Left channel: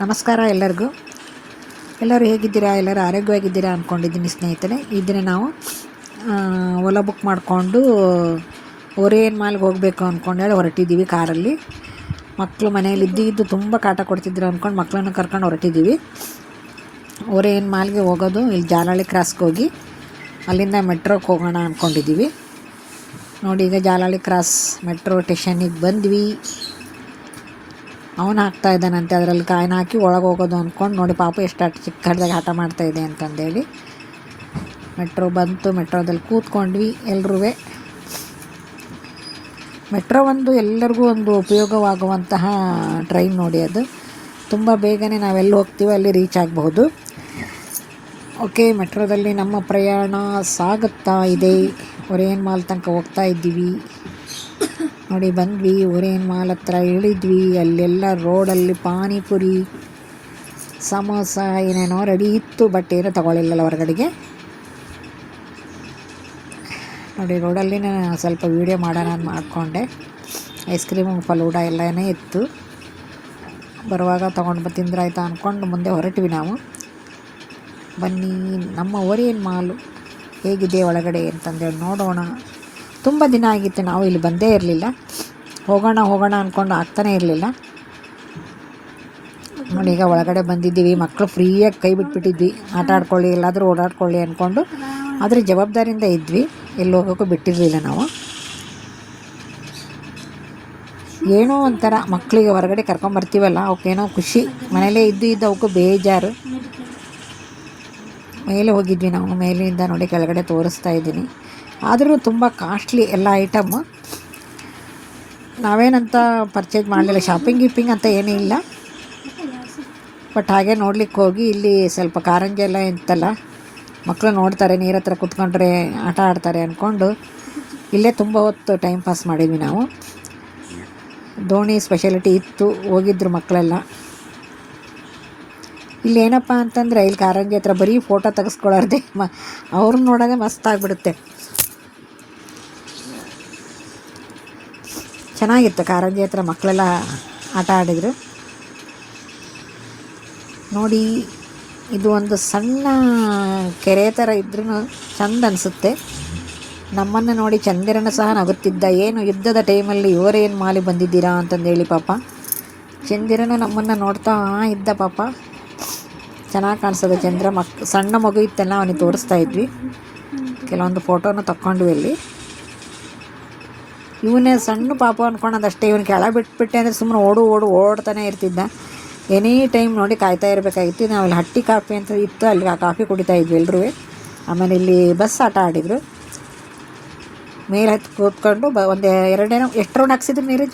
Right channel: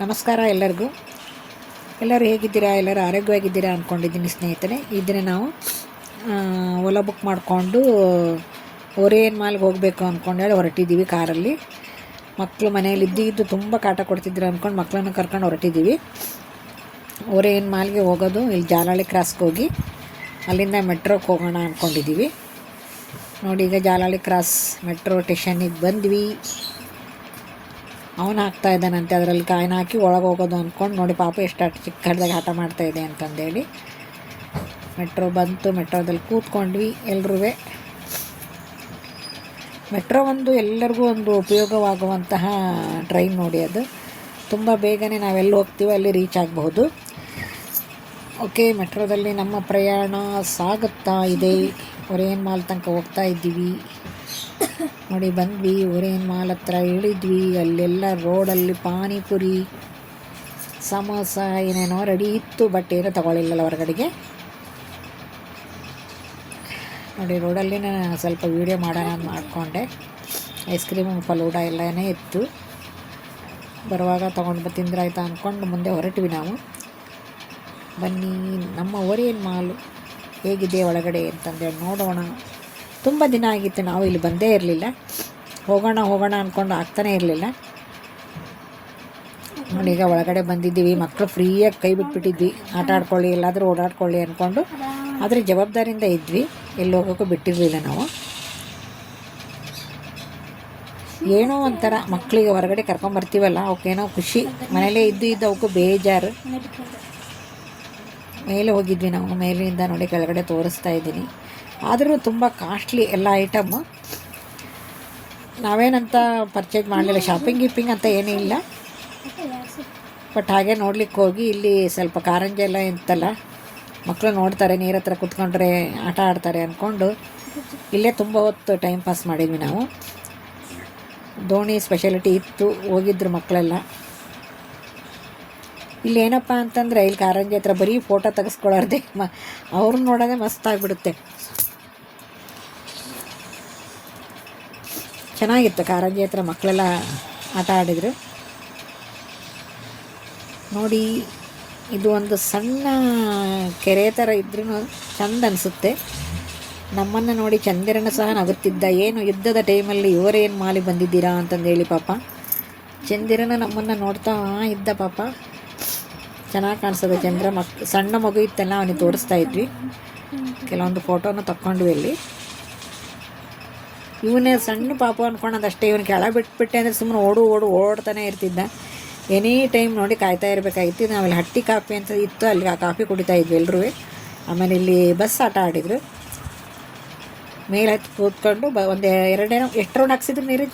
ನಮಸ್ಕಾರ ಎಲ್ಲರಿಗೂ. ಎಲ್ಲರೂ ಹೇಗಿದ್ದೀರಾ? ಎಲ್ಲರೂ ಆರೋಗ್ಯವಾಗಿದ್ದೀರಾ ಅಂದ್ಕೊಂಡಿದ್ದೀನಿ ಸ್ನೇಹಿತರೆ. ಈ ದಿನ ನಾವು ಓಲಾ ಬುಕ್ ಮಾಡಿಕೊಂಡು ಓರಿಯನ್ ಮಾಲ್ಗೆ ಹೋಗಬೇಕು ಅಂದ್ಕೊಂಡೇಳಿ ಹೊರಟಿದ್ದೀವಿ ಕಾರಲ್ಲಿ. ಮಕ್ಕಳು ಮನೇಲಿ ಇದ್ದು ತುಂಬ ಕಾಟ ಕೊಡ್ತಿದ್ರು ಅಂದ್ಕೊಂಡು ಮಕ್ಕಳನ್ನು ಕರ್ಕೊಂಡು ಹೊರಟಿದ್ದೀವಿ. ಓರಿಯನ್ ಮಾಲ್ಗೆ ಹೋಗೋದು ಇಲ್ಲಿ ಜಾಲಹಳ್ಳಿ ಕ್ರಾಸ್ಗೆ ಹೋಗಿ ಅಲ್ಲಿಂದ ಮೆಟ್ರೋಗೆ ಹೋಗೋಣ ಅಂದ್ಕೊಂಡಿದ್ದೀವಿ. ನೋಡಿ, ಈಗ ಜಾಲಹಳ್ಳಿ ಕ್ರಾಸ್ ಮೆಟ್ರೋ ಸ್ಟೇಷನ್ನಿಗೆ ಬಂದ್ವಿ. ಅವನು ಹಾಕ್ತಾ ಇದ್ದಾನಂತೆ, ಅದರಲ್ಲಿ ಕಾಯಿನ ಹಾಕಿ ಒಳಗೆ ಹೋಗೋದು ಅಂದ್ಕೊಂಡು. ನೋಡಿ ಪಾಪ ಎಷ್ಟು ಚಿಕ್ಕದಾಗಿ ಆಟ ಮಾಡ್ತಾಯಿದೆ ಅಂತಂದೇಳಿ. ಮೆಟ್ರೋ ಬಂತು, ಮೆಟ್ರೋದಲ್ಲಿ ಕೂತ್ಕೊಂಡ್ವಿ ಎಲ್ಲರೂ. ಮೆಟ್ರೋ ಎಲ್ಲರಿಗೂ ಒಂದು ಉಪಯೋಗವಾಗುವಂತಹ ಟ್ರೈನ್ ನೋಡಿ. ಅದು ತುಂಬ ಬೇಗನೆ ನಾವೆಲ್ಲಿ ಹೋಗ್ತೀವಿ ಅಲ್ಲಿ ರೀಚ್ ಆಗಬಹುದು. ಓಕೆ, ಮೆಟ್ರೋದಲ್ಲಿ ನಮ್ಮ ಪ್ರಯಾಣ ಸಾಗುತ್ತಾ ಇದೆ. ಓರಿಯನ್ ಮಾಲ್ ತನಕ ಹೋಗ್ತಾ ಇದ್ದೀವಿ. ನೋಡಿ, ಬಂದ್ವಿ ಓರಿಯನ್ ಮಾಲ್ ಹತ್ರ ಇಳಿದ್ವಿ. ಅಲ್ಲೆಲ್ಲ ರೋಡಲ್ಲಿ ಪಾನಿಪುರಿ, ಸಮೋಸ ಏನೇನೋ ರೆಡಿ ಇತ್ತು, ಬಟ್ ಏನೂ ತಗೊಳ್ಳಿಲ್ಲ ಹೊರಗಡೆಗೆ. ನೋಡಿ, ರೋಡಲ್ಲಿ ಸ್ವಲ್ಪ ವೀಡಿಯೋ ಮಾಡೋಣ ಅಂತ ಮಾಡಿಕೊಂಡೆ. ಐಸ್ ಕ್ರೀಮು, ಫಲೂಡ ಎಲ್ಲನೇ ಇತ್ತು. ಬರುವಾಗ ತೊಗೊಂಡು ತಿಂದ್ರಾಯ್ತು ಅಂದ್ಕೊಂಡು ಮುಂದೆ ಹೊರಟ್ವಿ ನಾವು. ಬನ್ನಿ, ನಮ್ಮ ಓರಿಯನ್ ಮಾಲು ಹೇಗಿದೆ ಒಳಗಡೆ ಅಂತಂದೇಳಿ ನೋಡೋಣ. ತುಂಬ ದಿನ ಆಗಿತ್ತು ನಾವು ಇಲ್ಲಿ ಬಂದೇ ಇರಲಿಲ್ಲ. ಹೋಗೋಣ ಅಂದ್ಕೊಂಡು ಆಗ್ತಾನೇ ಇರಲಿಲ್ಲ. ನೋಡಿ, ಈಗ ಒಳಗಡೆ ಬಂದಿದ್ದೀವಿ. ಮಕ್ಕಳು ಫ್ರೀಯಾಗಿ ಕೈ ಬಿಟ್ಬಿಟ್ಟಿದ್ವಿ, ಆಟ ಆಡ್ಕೊಳ್ಳಿ, ಎಲ್ಲಾದರೂ ಓಡಾಡ್ಕೊಳ್ಳಿ ಅಂದ್ಕೊಂಡು. ಆದರೆ ಜವಾಬ್ದಾರಿಯಿಂದ ಇದ್ವಿ, ಎಲ್ಲಿ ಹೋಗೋಕ್ಕೂ ಬಿಟ್ಟಿರಲಿಲ್ಲ ನಾವು. ಏನೋ ಒಂಥರ ಮಕ್ಕಳಿಗೆ ಹೊರಗಡೆ ಕರ್ಕೊಂಬರ್ತೀವಲ್ಲ, ಅವಕ್ಕೇನೋ ಖುಷಿ. ಮನೇಲೇ ಇದ್ದು ಅವಕ್ಕೂ ಬೇಜಾರು. ಮೇಲೆ ಹೋಗಿದ್ವಿ ನಾವು. ಮೇಲಿಂದ ನೋಡಿ ಕೆಳಗಡೆ ತೋರಿಸ್ತಾ ಇದ್ದೀನಿ. ಆದರೂ ತುಂಬ ಕಾಸ್ಟ್ಲಿ ಎಲ್ಲ ಐಟಮ್ಮು. ನಾವೇನಂತ ಪರ್ಚೇಸ್ ಮಾಡಲಿಲ್ಲ, ಶಾಪಿಂಗ್ ಅಂತ ಏನೂ ಇಲ್ಲ. ಬಟ್ ಹಾಗೆ ನೋಡ್ಲಿಕ್ಕೆ ಹೋಗಿ ಇಲ್ಲಿ ಸ್ವಲ್ಪ ಕಾರಂಜಿ ಎಲ್ಲ ಇತ್ತಲ್ಲ, ಮಕ್ಕಳು ನೋಡ್ತಾರೆ, ನೀರ ಹತ್ರ ಕೂತ್ಕೊಂಡ್ರೆ ಆಟ ಆಡ್ತಾರೆ ಅಂದ್ಕೊಂಡು ಇಲ್ಲೇ ತುಂಬ ಹೊತ್ತು ಟೈಮ್ ಪಾಸ್ ಮಾಡಿದ್ವಿ ನಾವು. ದೋಣಿ ಸ್ಪೆಷಾಲಿಟಿ ಇತ್ತು, ಹೋಗಿದ್ರು ಮಕ್ಕಳೆಲ್ಲ. ಇಲ್ಲಿ ಏನಪ್ಪ ಅಂತಂದರೆ, ಇಲ್ಲಿ ಕಾರಂಜಿ ಹತ್ರ ಬರೀ ಫೋಟೋ ತೆಗೆಸ್ಕೊಳ್ಳೋದೇ, ಅವ್ರನ್ನ ನೋಡೋದೇ ಮಸ್ತ್ ಆಗಿಬಿಡುತ್ತೆ. ಚೆನ್ನಾಗಿತ್ತು ಕಾರಂಜಿ ಹತ್ರ, ಮಕ್ಕಳೆಲ್ಲ ಆಟ ಆಡಿದರು. ನೋಡಿ, ಇದು ಒಂದು ಸಣ್ಣ ಕೆರೆ ಥರ ಇದ್ರೂ ಚೆಂದ ಅನಿಸುತ್ತೆ. ನಮ್ಮನ್ನು ನೋಡಿ ಚಂದಿರನ ಸಹ ನಗುತ್ತಿದ್ದ. ಏನು ಯುದ್ಧದ ಟೈಮಲ್ಲಿ ಓರಿಯನ್ ಮಾಲಿಗೆ ಬಂದಿದ್ದೀರಾ ಅಂತಂದೇಳಿ ಪಾಪ ಚಂದಿರನ ನಮ್ಮನ್ನು ನೋಡ್ತಾ ಇದ್ದ. ಪಾಪ ಚೆನ್ನಾಗಿ ಕಾಣಿಸ್ತದೆ ಚಂದ್ರ. ಸಣ್ಣ ಮಗು ಇತ್ತಲ್ಲ, ಅವನಿಗೆ ತೋರಿಸ್ತಾ ಇದ್ವಿ. ಕೆಲವೊಂದು ಫೋಟೋನು ತಕ್ಕೊಂಡ್ವಿ ಅಲ್ಲಿ. ಇವನೇ ಸಣ್ಣ ಪಾಪ ಅಂದ್ಕೊಂಡದಷ್ಟೇ. ಇವನು ಕೆಳ ಬಿಟ್ಬಿಟ್ಟೆ ಅಂದರೆ ಸುಮ್ಮನೆ ಓಡ್ತಾನೆ ಇರ್ತಿದ್ದ. ಎನಿ ಟೈಮ್ ನೋಡಿ ಕಾಯ್ತಾ ಇರಬೇಕಾಗಿತ್ತು. ನಾವು ಅಲ್ಲಿ ಹಟ್ಟಿ ಕಾಫಿ ಅಂತ ಇತ್ತು, ಅಲ್ಲಿ ಆ ಕಾಫಿ ಕುಡಿತಾ ಇದ್ವಿ ಎಲ್ಲರೂ. ಆಮೇಲೆ ಇಲ್ಲಿ ಬಸ್ ಆಟ ಆಡಿದರು. ಮೇಲೆ ಹತ್ತಿ ಕೂತ್ಕೊಂಡು ಒಂದು ಎಷ್ಟು ರೌಂಡ್ ಹಾಕ್ಸಿದ್ರು ನೀರು?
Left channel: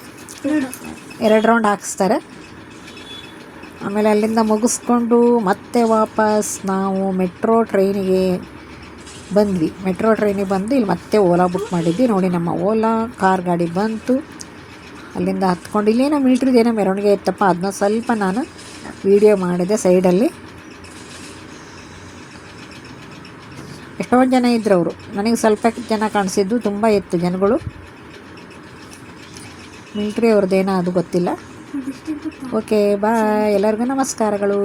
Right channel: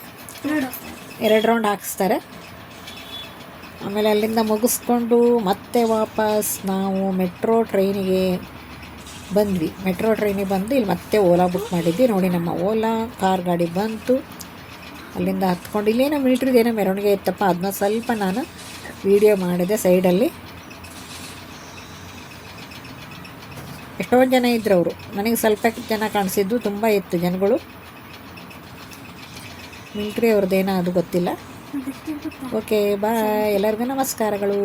2 ರೌಂಡ್ ಹಾಕಿಸ್ತಾರೆ. ಆಮೇಲೆ ಅಲ್ಲಿಂದ ಮುಗಿಸ್ಕೊಂಡು ಮತ್ತೆ ವಾಪಸ್ ನಾವು ಮೆಟ್ರೋ ಟ್ರೈನಿಗೆ ಬಂದ್ವಿ. ಮೆಟ್ರೋ ಟ್ರೈನಿಗೆ ಬಂದು ಇಲ್ಲಿ ಮತ್ತೆ ಓಲಾ ಬುಕ್ ಮಾಡಿದ್ವಿ. ನೋಡಿ, ನಮ್ಮ ಓಲಾ ಕಾರ್ ಗಾಡಿ ಬಂತು. ಅಲ್ಲಿಂದ ಹತ್ಕೊಂಡು ಇಲ್ಲೇನೋ ಮಿಲ್ಟ್ರಿದೇನೋ ಮೆರವಣಿಗೆ ಇತ್ತಪ್ಪ, ಅದನ್ನ ಸ್ವಲ್ಪ ನಾನು ವೀಡಿಯೋ ಮಾಡಿದೆ ಸೈಡಲ್ಲಿ. ಎಷ್ಟೊಂದು ಜನ ಇದ್ದರು ಅವರು. ನನಗೆ ಸ್ವಲ್ಪ ಜನ ಕಾಣಿಸಿದ್ದು, ತುಂಬ ಇತ್ತು ಜನಗಳು. ಮಿಲ್ಟ್ರಿ ಅವ್ರದ್ದೇನೋ ಅದು ಗೊತ್ತಿಲ್ಲ. ಓಕೆ, ಬಾಯ್, ಎಲ್ಲರಿಗೂ ನಮಸ್ಕಾರಗಳು.